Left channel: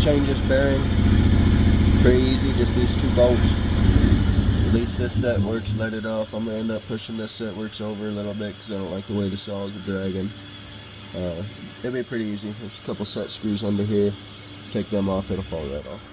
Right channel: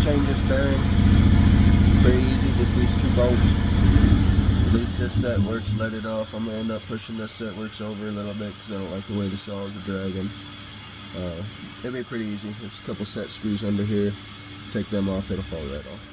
change this bearing. Pretty easy, just these 2 bolts. Release this set works, let it off. I'm gonna end up pushing this set works over a little bit because I don't like the way the saws are dragging. It'll be pretty easy. There's a couple set screws under here. Take them off, it'll fall right off.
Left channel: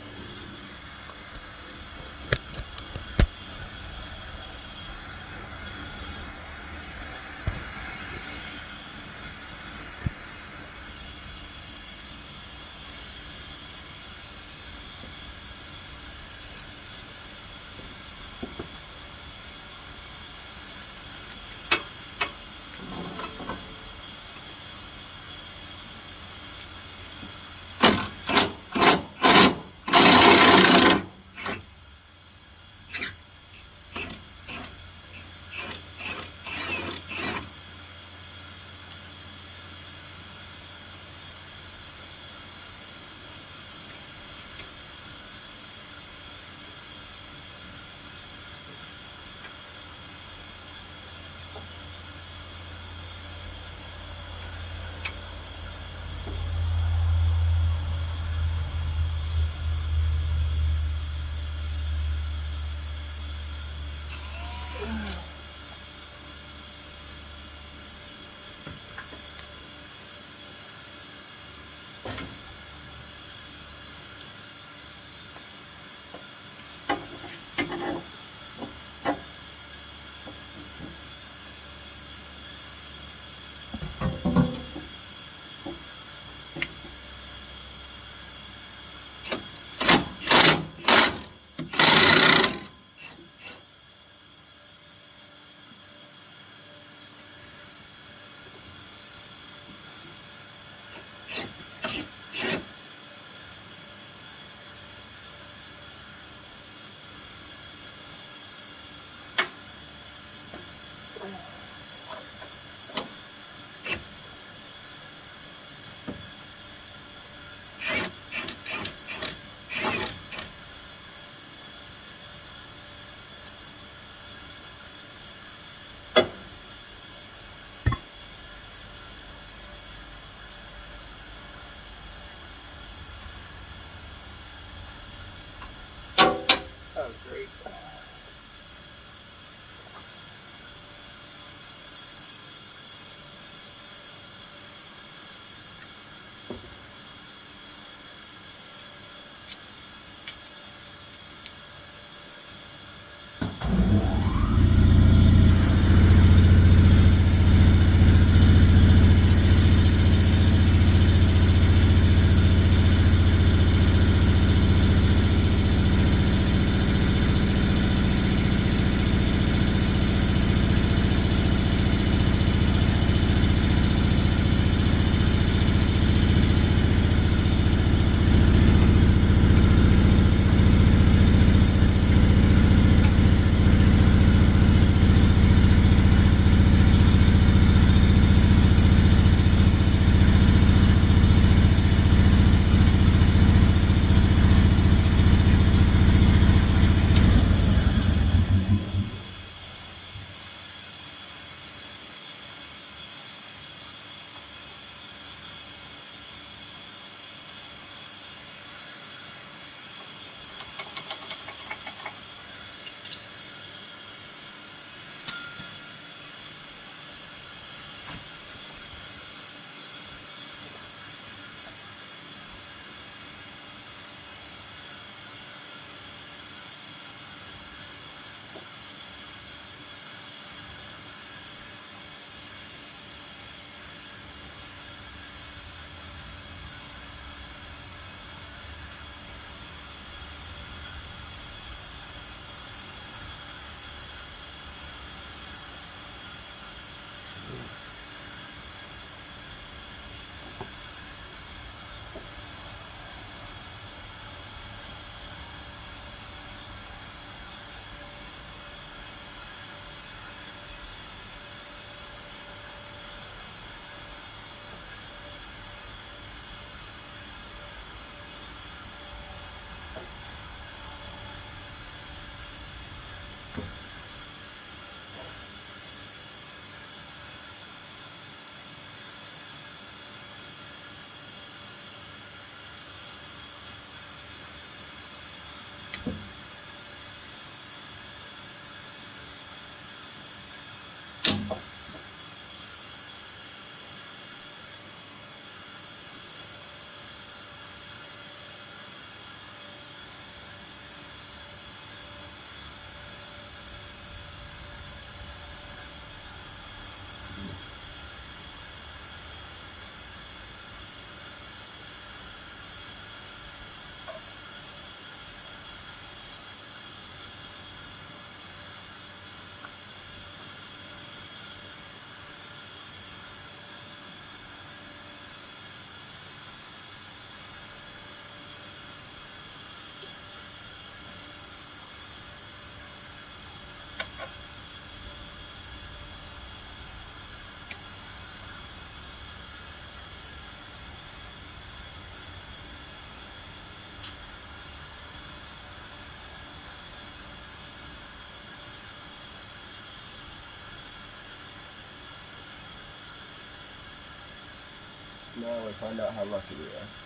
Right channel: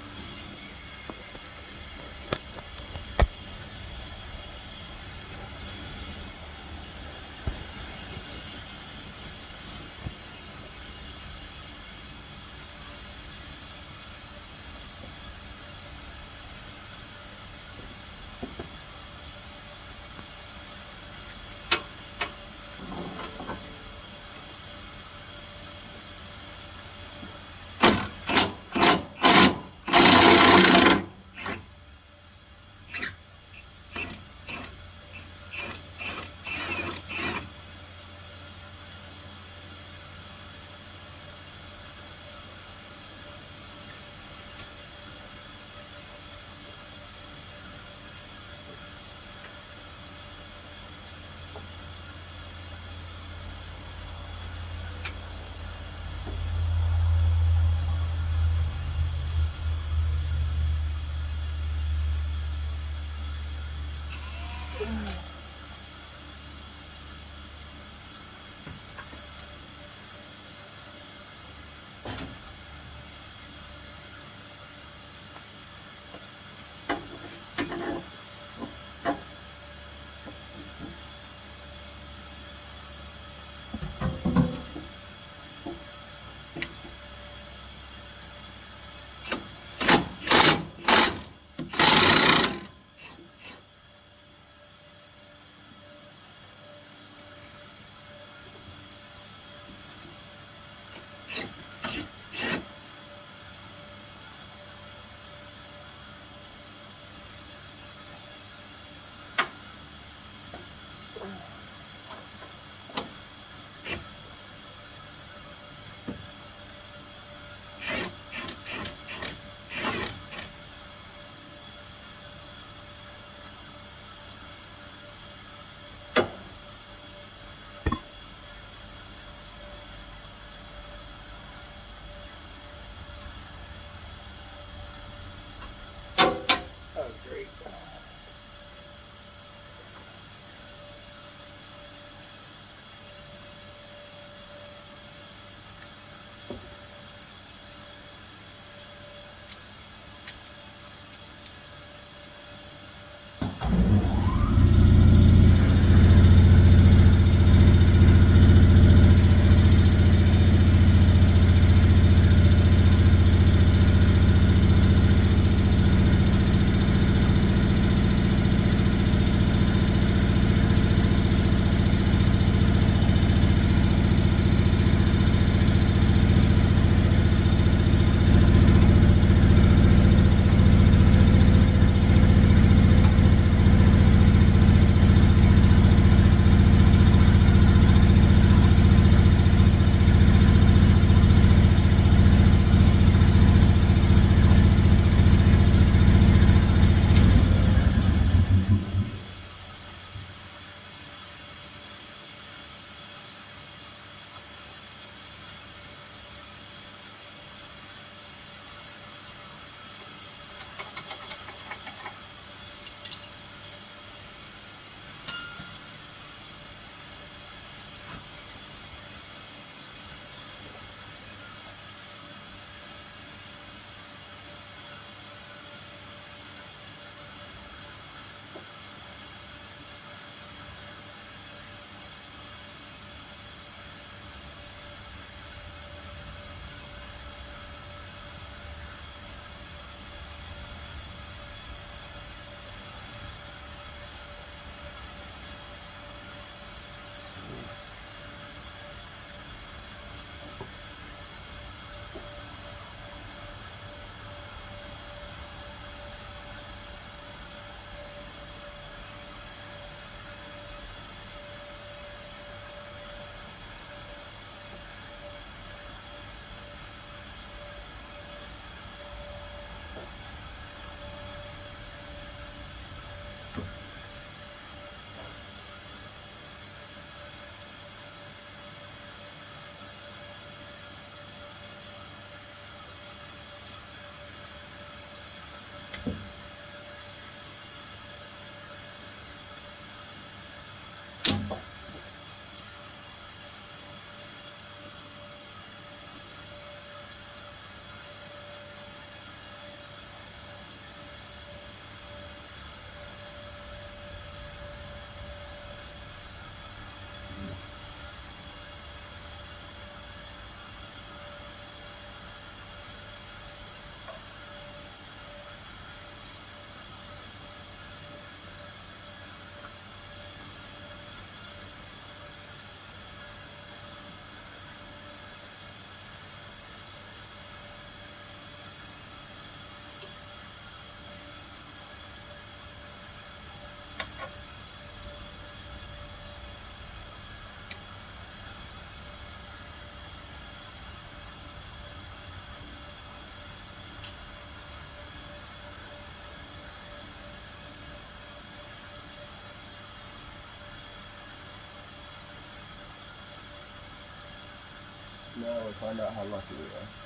Now we find out how lucky we are.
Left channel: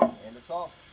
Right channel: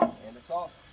And it's off.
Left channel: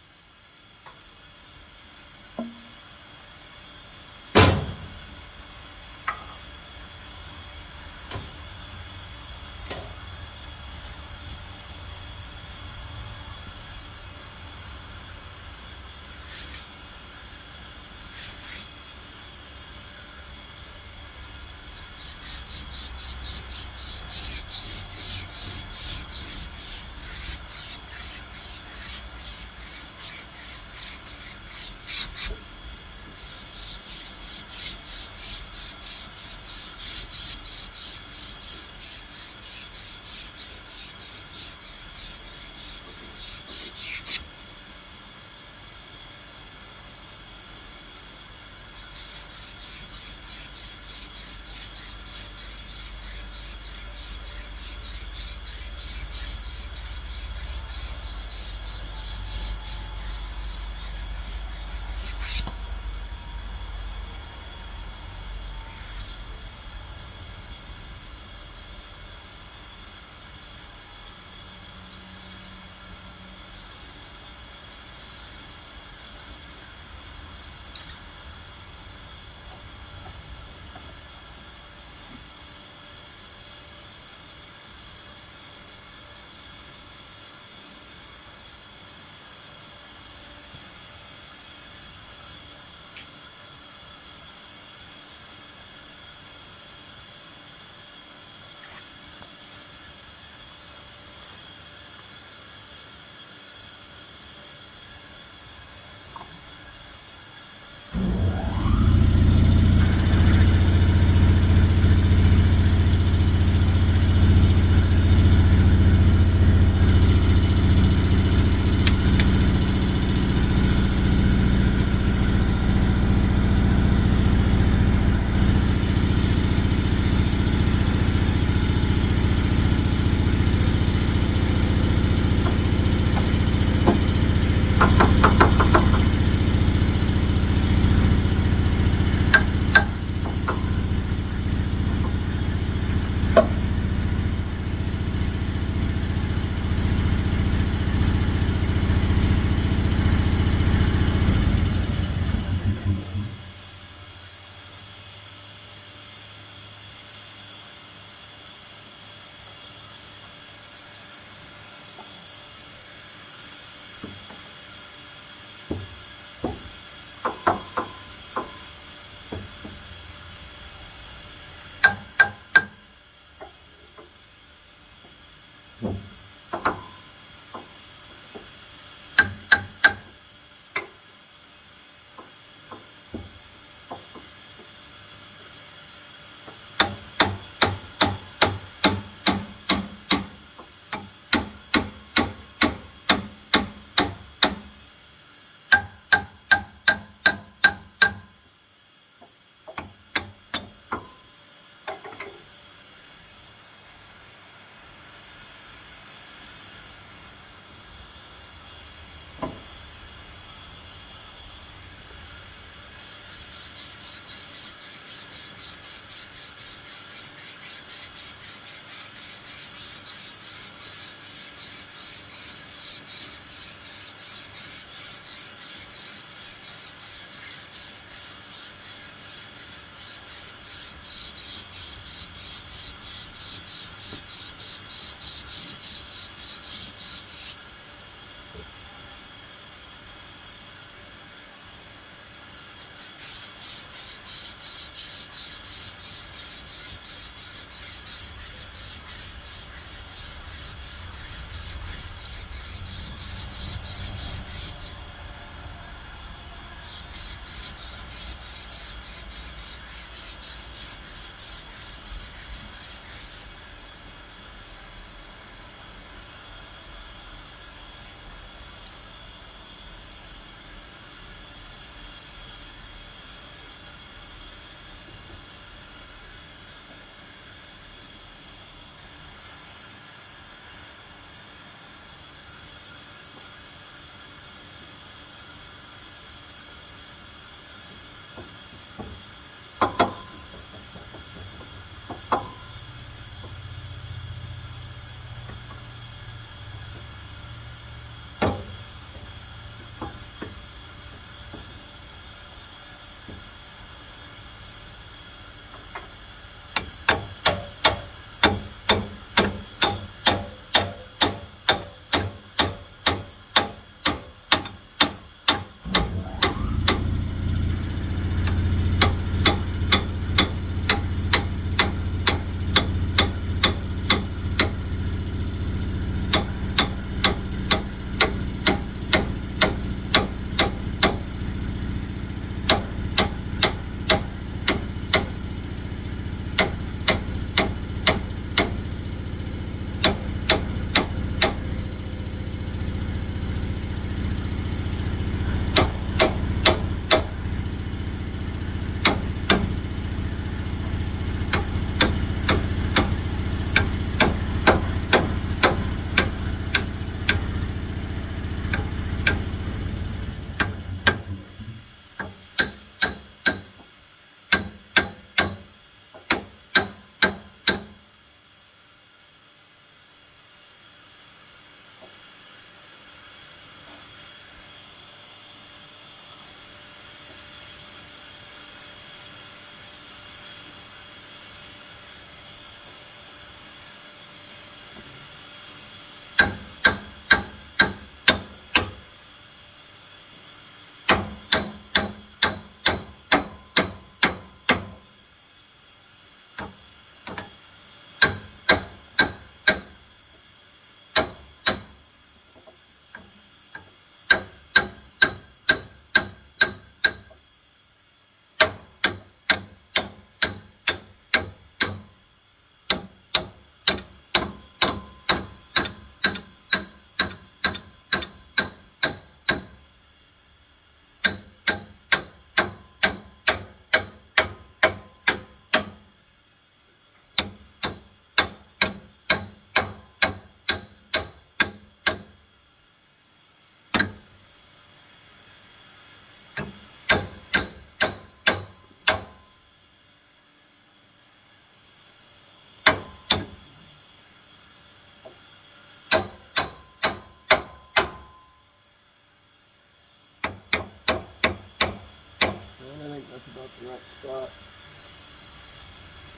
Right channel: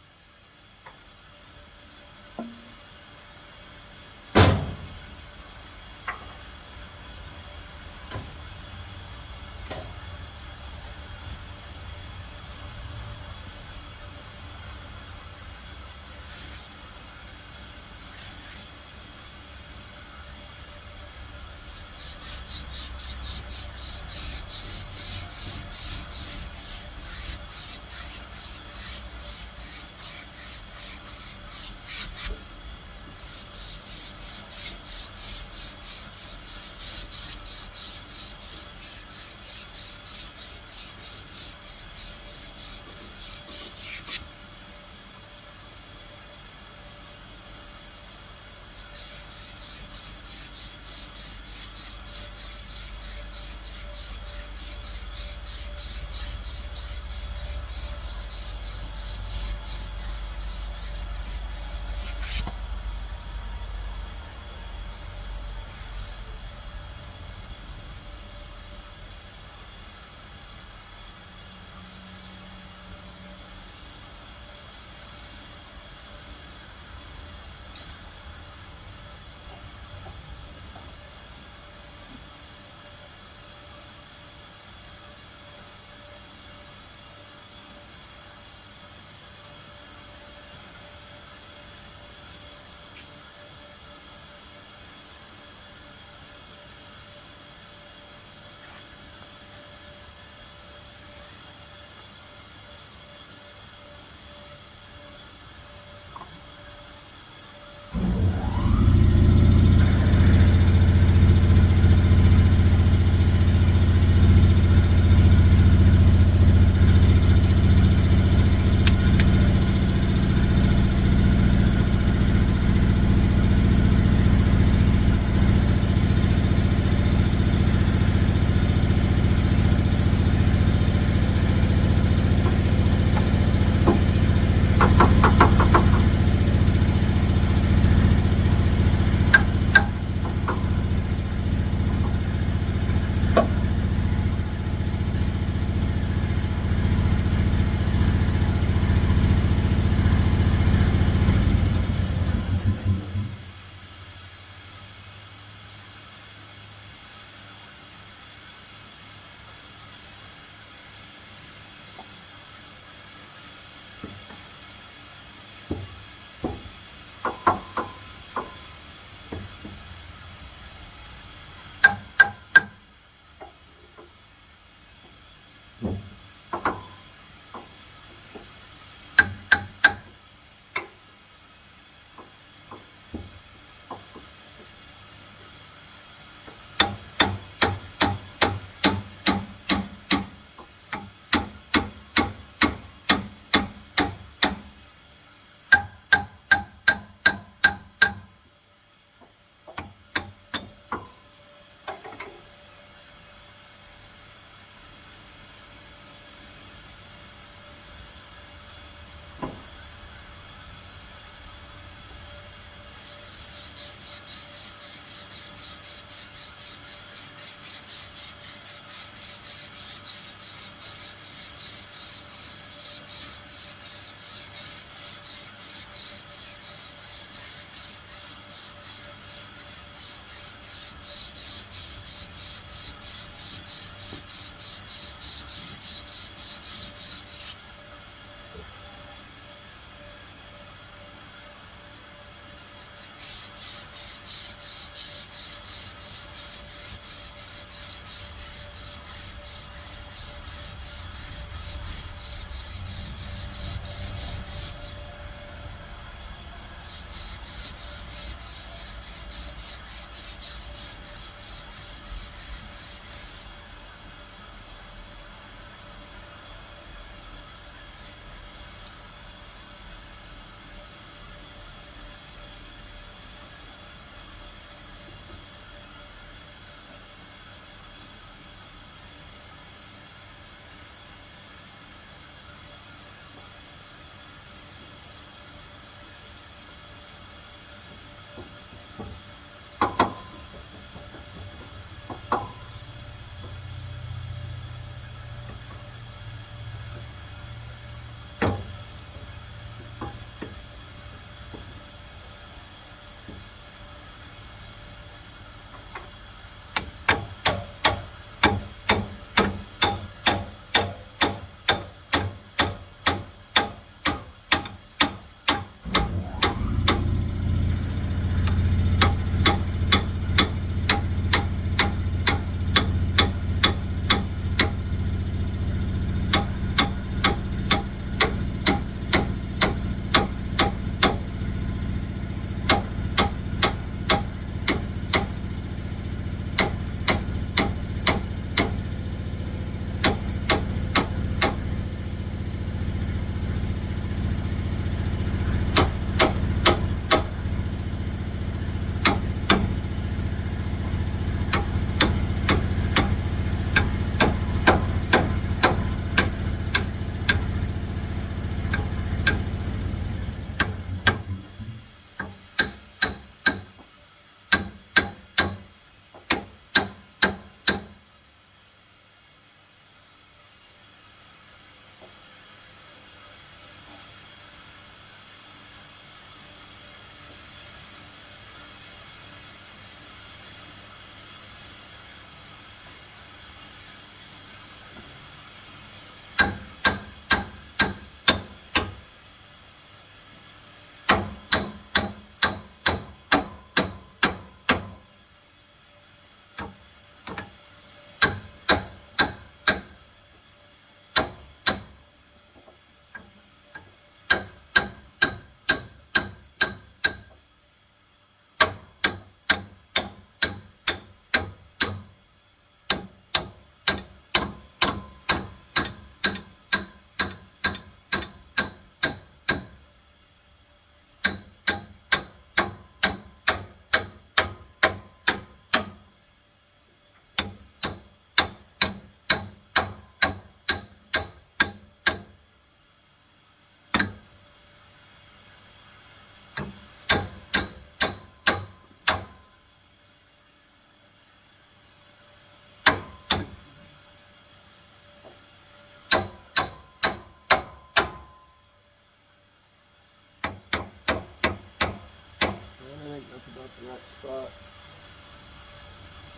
Not the right spot.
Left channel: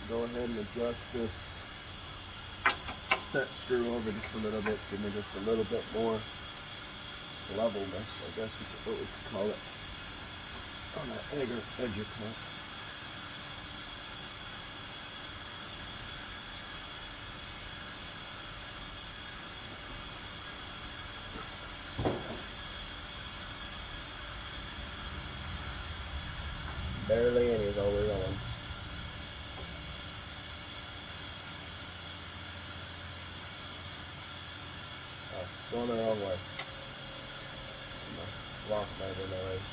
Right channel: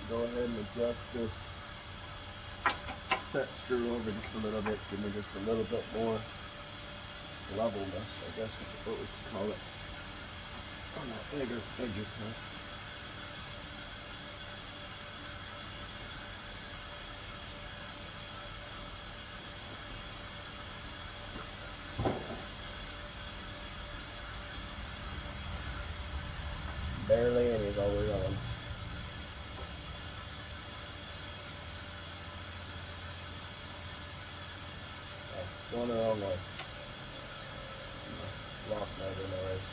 Go ahead and adjust this set screw over just a little bit. Give me just a little bit more levelness, I guess is what we could call it, on that edger cut. Barely any is all we're on. Oh, going the wrong way. Lock motor noise.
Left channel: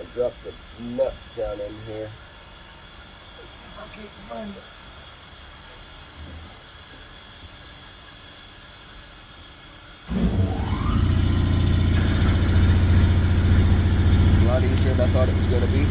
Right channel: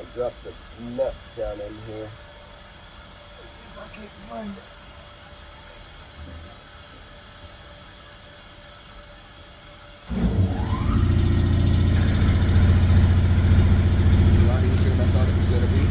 I dropped the nut down in here. Let's see if I can't find it. A lot easier than I thought it was going to be.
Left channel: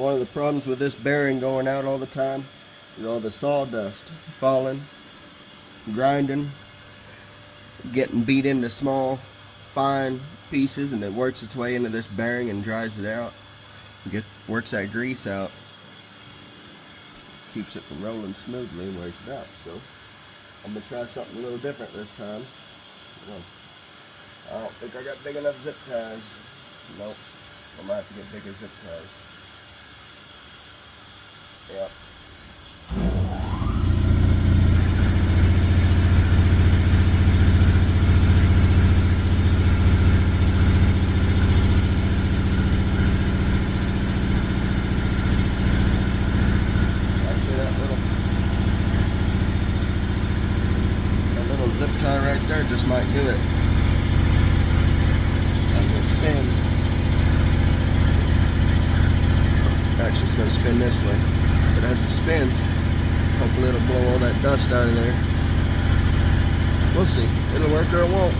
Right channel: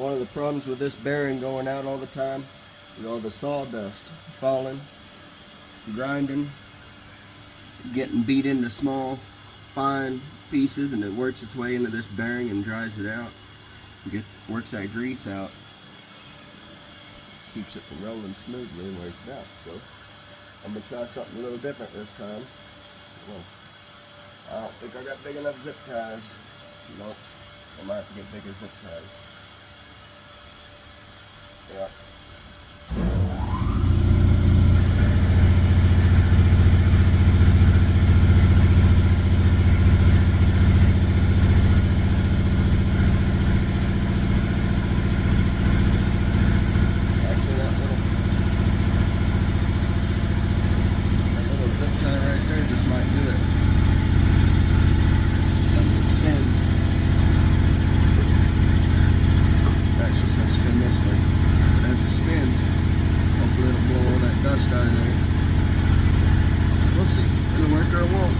One of the problems with this bearing going out all the time is all the sawdust falling, grinding, getting beat into small, fine pieces, and it works its way into this bearing and dries it out. Works that grease out. Keeps it from rolling smoothly and wears it out. So I'm gonna try something a little different this time. I don't think I got big enough zip ties. Nope. I might have to get bigger zip ties. Yep. Actually, that little zip tie right there just might do it. Spin. Actually, it's going to spin this way. But as it spins, hopefully it'll blow all that dust out of there. We'll see. It'll work or it won't.